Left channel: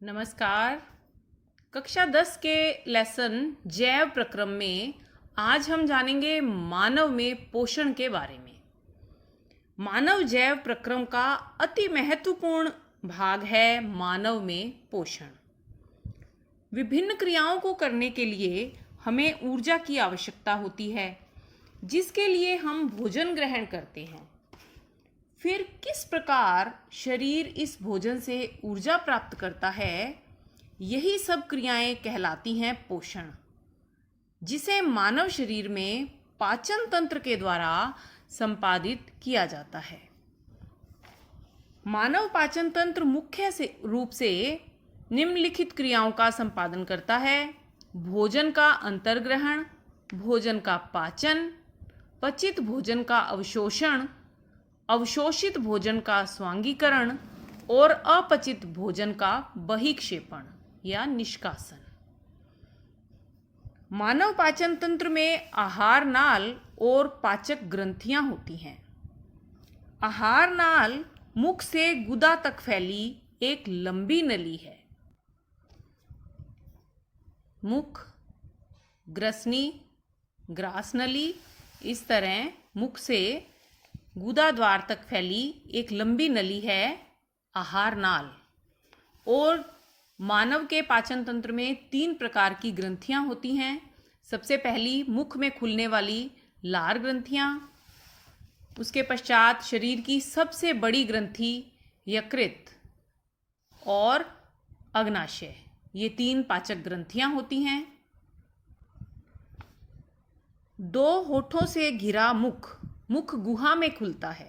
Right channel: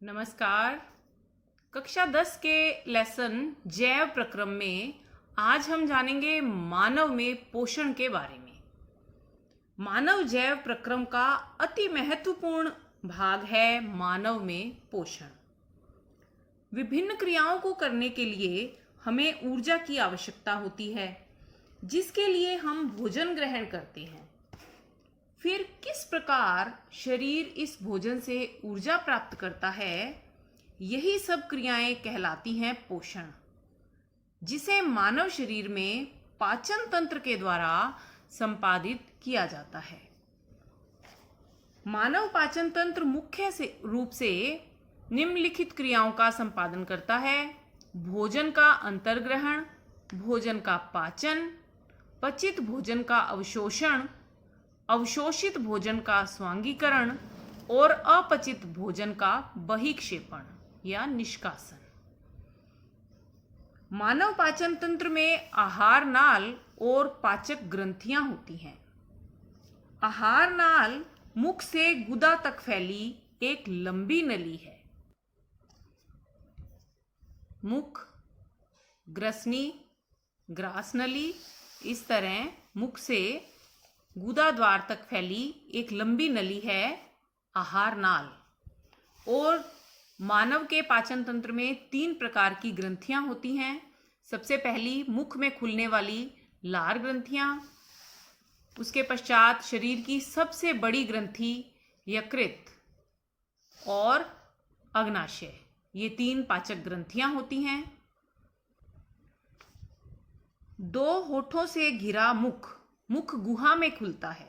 नमस्कार। कक्षा 10 के लेसन जैव प्रक्रम में आज हम जानेंगे मानव में पोषण के बारे में। मानव जैव प्रक्रम का अति महत्वपूर्ण भाग है मानव में पोषण। विभिन्न क्रियाओं को करने के लिए हमें ऊर्जा की आवश्यकता होती है, जिसके लिए हम भोजन ग्रहण करते हैं। फिर किस प्रकार शरीर इस भोजन से ऊर्जा प्राप्त करता है, यही सब क्रियाएं कहलाती हैं पोषण, जिसे मानव शरीर में पाचन तंत्र के द्वारा संपादित किया जाता है। मानव पाचन तंत्र मुख्य रूप से निम्नलिखित क्रियाओं का संपादन करता है: भोजन का अंतर्ग्रहण, भोजन का पाचन, पचित भोजन का अवशोषण, अवशोषित भोजन का स्वांगीकरण और अपचित भोजन का बहिक्षेपण या निष्कासन। मानव पाचन तंत्र में आहार नाल और पाचक ग्रंथियां होती हैं। आहार नाल मुख से गुदा तक फैली एक लंबी नली है। मुख, ग्रसनी, ग्रास नली, इस तरह मुख से गुदा द्वार तक फैली एक लंबी नली है आहार नाल। और मानव के पाचन तंत्र में 3 प्रकार की ग्रंथियां होती हैं। सबसे पहली मुख में खुलने वाली लार ग्रंथियां, उसके पश्चात शरीर की सबसे बड़ी ग्रंथि यकृत और अग्नाशय, ये 3 पाचक ग्रंथियां होती हैं। 2 होठों से घिरा मुख मुख गुहा में खुलता है।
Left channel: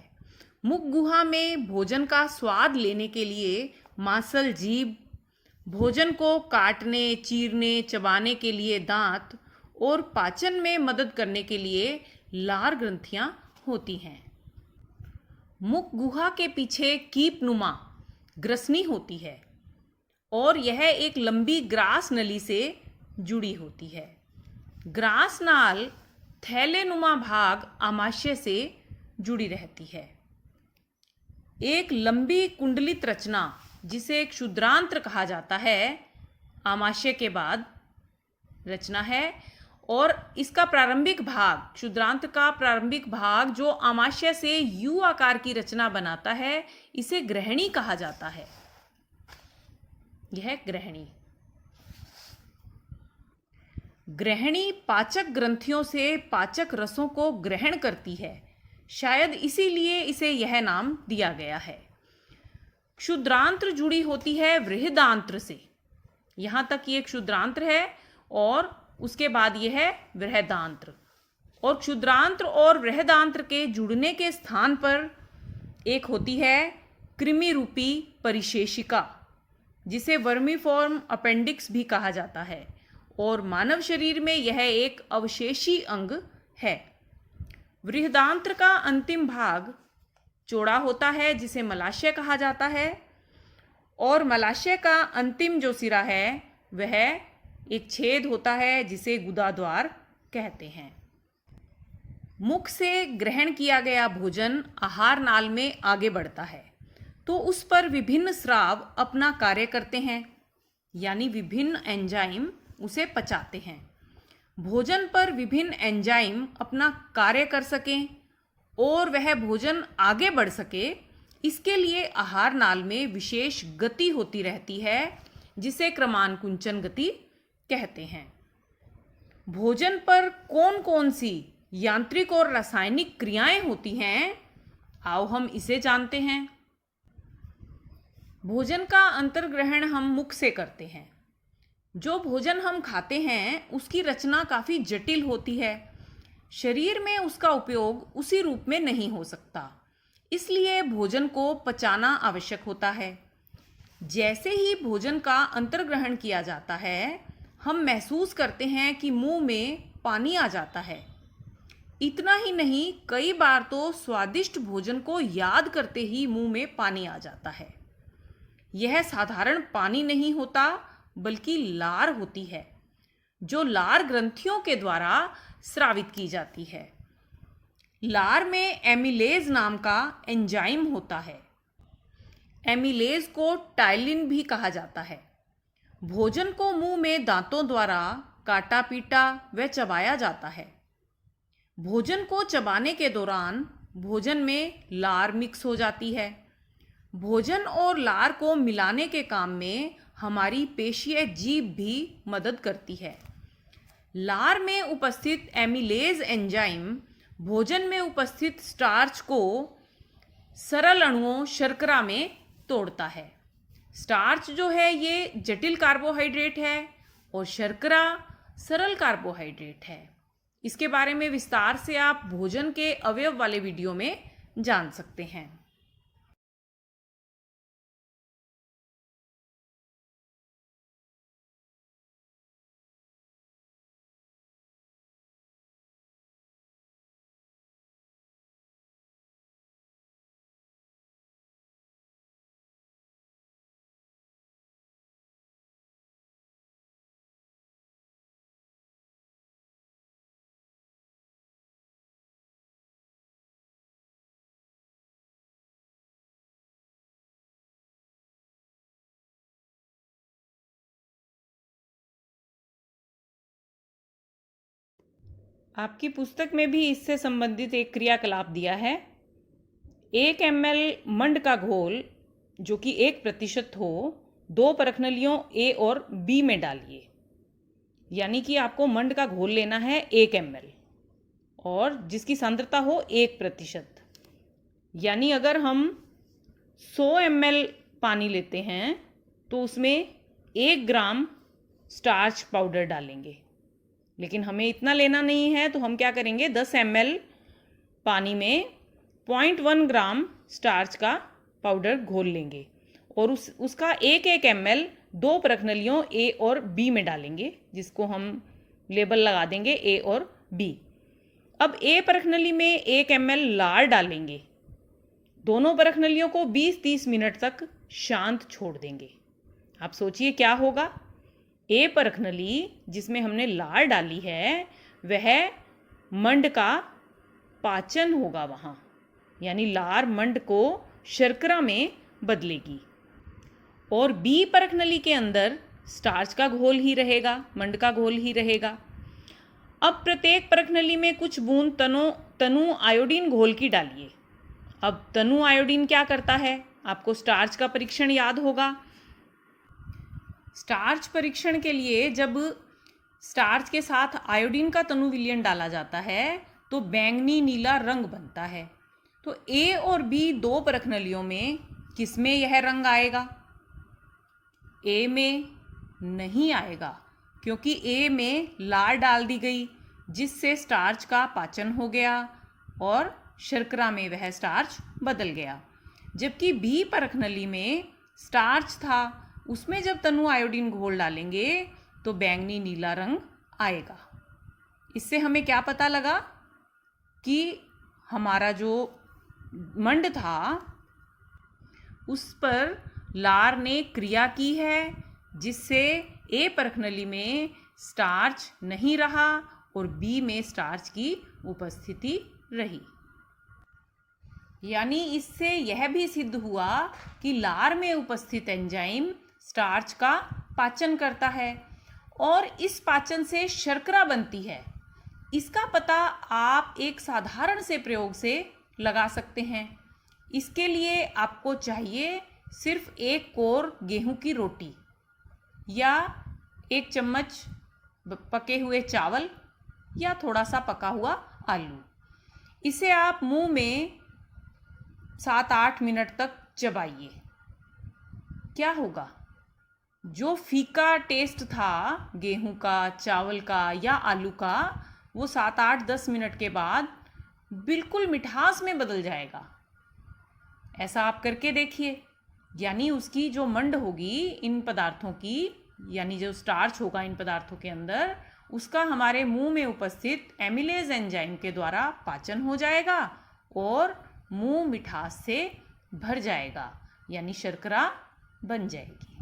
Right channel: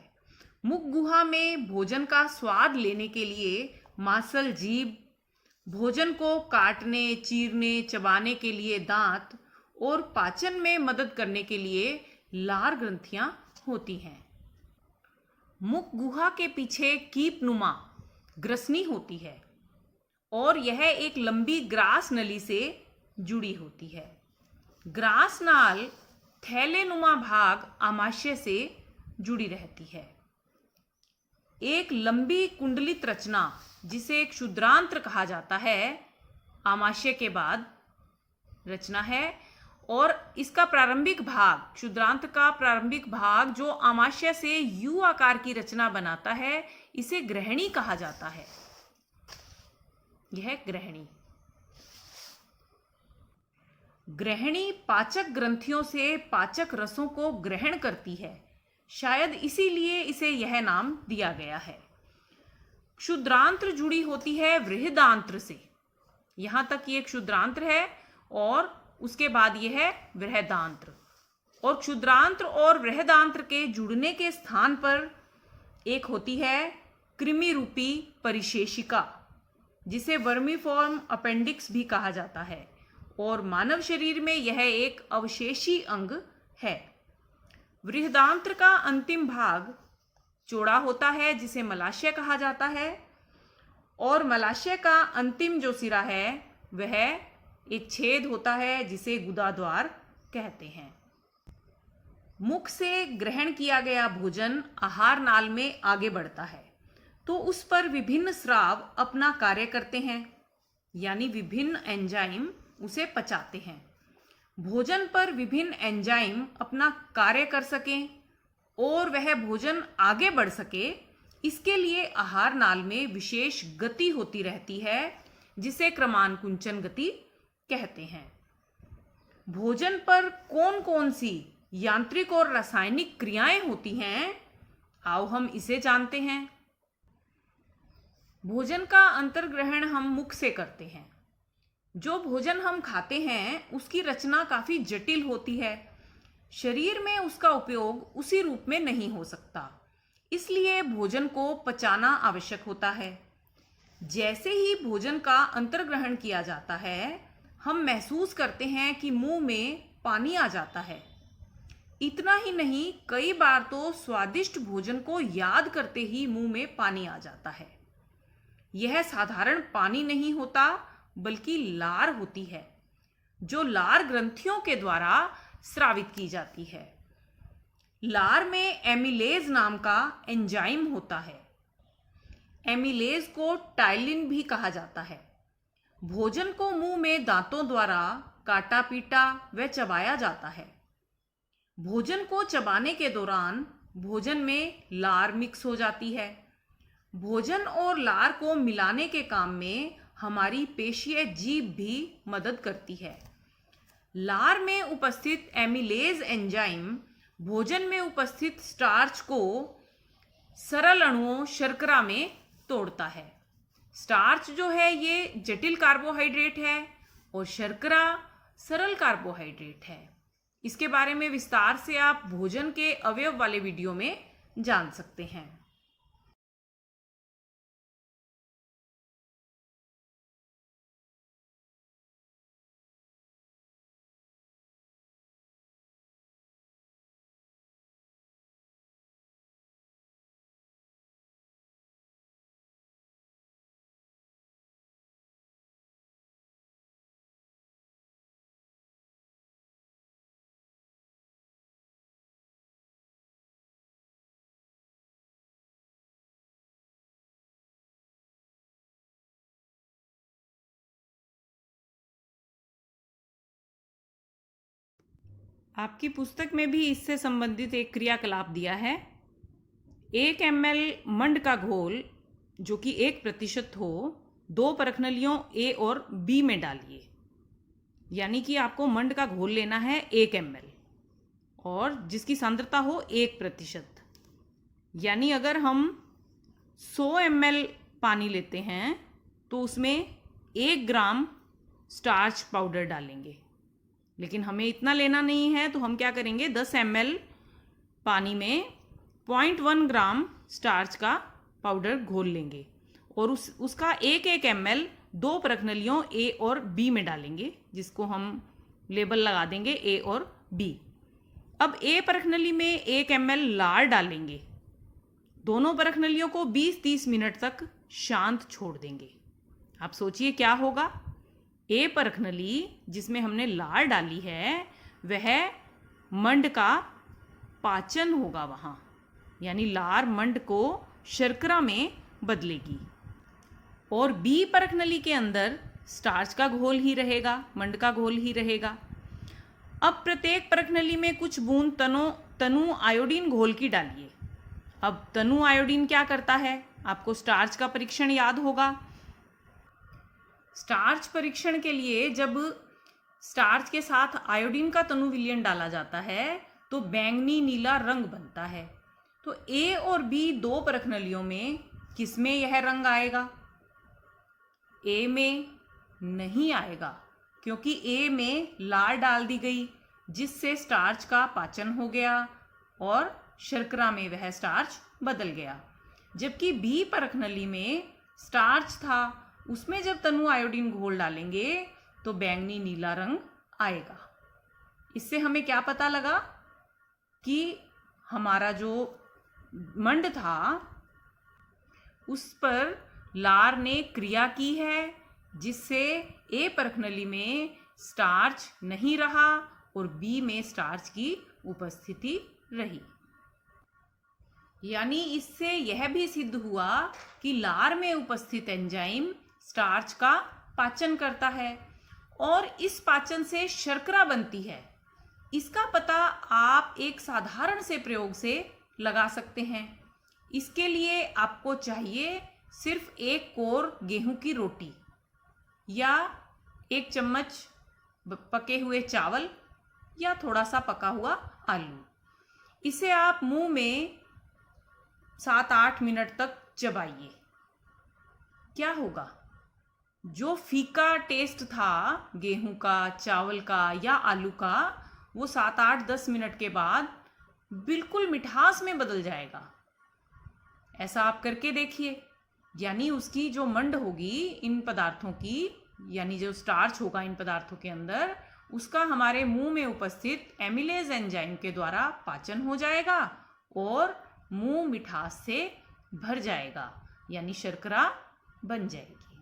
मुख गुहा में भोजन का स्वाद लेने के लिए मांसल जीभ, भोजन को काटने, चीरने, चबाने के लिए दांत और पाचन में मदद करने के लिए लार ग्रंथियां होती हैं। मुख गुहा के पीछे कीपनुमा ग्रसनी होती है और यह एक लंबी ग्रास नली से जुड़ी होती है। ग्रास नाल थैलेनुमा भाग आमाशय से जुड़ी रहती है। एक लंबी कुंडलित रचना, जिसे क्षुद्रांत्र कहा जाता है, आमाशय के बाद रचना है। और इसका प्रारंभिक भाग, क्षुद्रांत्र का प्रारंभिक भाग जो आमाशय से यू आकार की रचना बनाता है, इसे ग्रहणी कहा जाता है। यह ग्रहणी ग्रहणी पाचक ग्रंथियों से पाचक रसों को ग्रहण करती है। शायद इसीलिए इसे यह नाम दिया गया है। क्षुद्रांत्र जुड़ी होती है बृहदांत्र से। यहां तक ये क्षुद्रांत्र है और उसके बाद यह है बृहदांत्र। और क्षुद्रांत्र और बृहदांत्र के जुड़ने के स्थान पर एक होती है कृमि रूपी परिशेषिका, जिसे वर्मीफॉर्म अपेंडिक्स भी कहा जाता है। और मानव शरीर में यह एक अवशेषी अंग है। बृहदांत्र का अंतिम भाग चौड़ा होता है, जिसे मलाशय कहा जाता है। और मलाशय का अंतिम जो सिरा है वह एक छेद होता है, जिसे गुदाद्वार कहते हैं। मुख से ग्रहण किया गया भोजन आहार नाल में आगे बढ़ता है तो उस पर विभिन्न स्राव अपना कार्य करते हैं, यानी विभिन्न एंजाइम उसे पचाते हैं। भोजन पर विभिन्न एंजाइम अपना कार्य कर सकें और वह भोजन आगे बढ़ सके, इसके लिए आहार नाल में विशेष गति होती रहती है, जिसे क्रमानुकुंचन गति कहते हैं। भोजन पर कौन कौन सी यांत्रिक और रासायनिक क्रियाएं होती हैं, आओ हम इसे जानते हैं। भोजन का अंतर्ग्रहण हम मुख से करते हैं। जो भोजन हम खाते हैं उसकी रचना काफी जटिल होती है। शरीर में उसका उपयोग उसी रूप में नहीं हो सकता, इसलिए भोजन को पचाना आवश्यक होता है। जैसे ही भोजन का अंतर्ग्रहण किया जाता है, हम महसूस करते हैं कि मुंह में पानी आ जाता है। इतना ही नहीं, कई बार तो स्वादिष्ट भोजन को याद करते ही मुंह में पानी आ जाता है। यह साधारण पानी नहीं होता, बल्कि लार होती है, जो लार ग्रंथियों के द्वारा स्रावित की जाती है। लार में एमिलेज नाम का एंजाइम होता है। एमिलेज को टाइलिन भी कहा जाता है। भोजन को मुंह में दांतों द्वारा काटा पीटा व चबाया जाता है। भोजन को चबाने के दौरान भोजन में लार मिक्स हो जाती है। भोजन और लार को मिलाने के काम में हमारी पेशीय जीभ भी मदद करती है। लार में उपस्थित एमिलेज एंजाइम भोजन में उपस्थित स्टार्च को सरल अणुओं शर्करा में तोड़ता है। स्टार्च जो है ये जटिल कार्बोहाइड्रेट है और शर्करा सरल कार्बोहाइड्रेट है। इसके बारे में विस्तार से आप भोजन के अवयव वाले वीडियो में जान सकते हैं। आपकी पुस्तक में भी इससे संबंधित एक क्रियाकलाप दिया है। 1 ml मंड का घोल जो कि 1% हो 2 परखनलियों A और B में डालिए। यानी कि आपको मंड का घोल लेना है 1 ml और जिसकी सांद्रता हो 1%। यानी अगर हम 100 ml पानी लेते हैं तो उसमें 1 ग्राम स्टार्च पाउडर डालेंगे। लेकिन हमें इतना लेना नहीं है तो हम क्या करेंगे, 10 ml पानी में 0.1 ग्राम स्टार्च का पाउडर घोल लेंगे और उसका 1 ml 2 परखनलियों A और B में डालेंगे, जिसको हम लेबल लगा देंगे A और B। अब A परखनली में 1 ml लार डालेंगे। दोनों परखनलियों को 20-30 मिनट तक शांत छोड़ देंगे। आप सोचिए क्या होगा। A परखनली जिसमें हमने लार डाली है वह मंड का पाचन होगा वहाँ, यानी लार मंड को शर्करा में बदलेगी। और B परखनली के अंदर स्टार्च का घोल ही रहेगा, मंड का घोल ही रहेगा। अब प्रत्येक परखनली में कुछ बूंद तनु आयोडीन घोल की डालिए। अब तनु आयोडीन क्या करता है, आपको स्टार्च का परीक्षण याद होगा। स्टार्च परीक्षण के लिए जब स्टार्च के साथ आयोडीन का तनु विलयन डाला जाता है तो बैंगनी नीला रंग बनता है। तो A और B 2 परखनलियों में किसमें यह रंग आएगा? A में नहीं आएगा, क्योंकि A में लार डाल दी गई जिससे स्टार्च का पाचन हो गया और शर्करा में वह स्टार्च बदल गया। जबकि B परखनली में स्टार्च था, उसमें जब तनु आयोडीन घोल डालेंगे तो बैंगनी नीला रंग आएगा। इससे हमें क्या पता लगा कि हमारा जो मंड था उस पर लार ने क्रिया की है, जिससे A परखनली में स्टार्च नहीं रहा और B में स्टार्च की उपस्थिति रही। यानी इससे यह भी सिद्ध हुआ कि लार में उपस्थित एंजाइम स्टार्च का पाचन करता है और इस पाचन से शर्करा बनती है। इसका पता आप एक साधारण से प्रयोग से लगा सकते हैं। इसके लिए आपको चाहिए सिर्फ 1 कोर गेहूं की रोटी या 1 चम्मच पके हुए चावल या थोड़ा सा पका हुआ आलू। इसे आप मुंह में 7-8 मिनट तक चबाइए। क्या होगा, जो फीका टेस्ट था गेहूं का, चावल का या आलू का, वो 7-8-10 मिनट के बाद बिल्कुल मिठास में बदल जाएगा। ऐसा आप करके देखिए। यानी उसकी जो मंड होगी इन पदार्थों की, यानी जो स्टार्च होगा इन पदार्थों के अंदर, उसका हमारे मुंह में उपस्थित एमिलेज एंजाइम के द्वारा पाचन हो जाएगा और मुंह मिठास से भर जाएगा, यानी शर्करा बन जाएगी।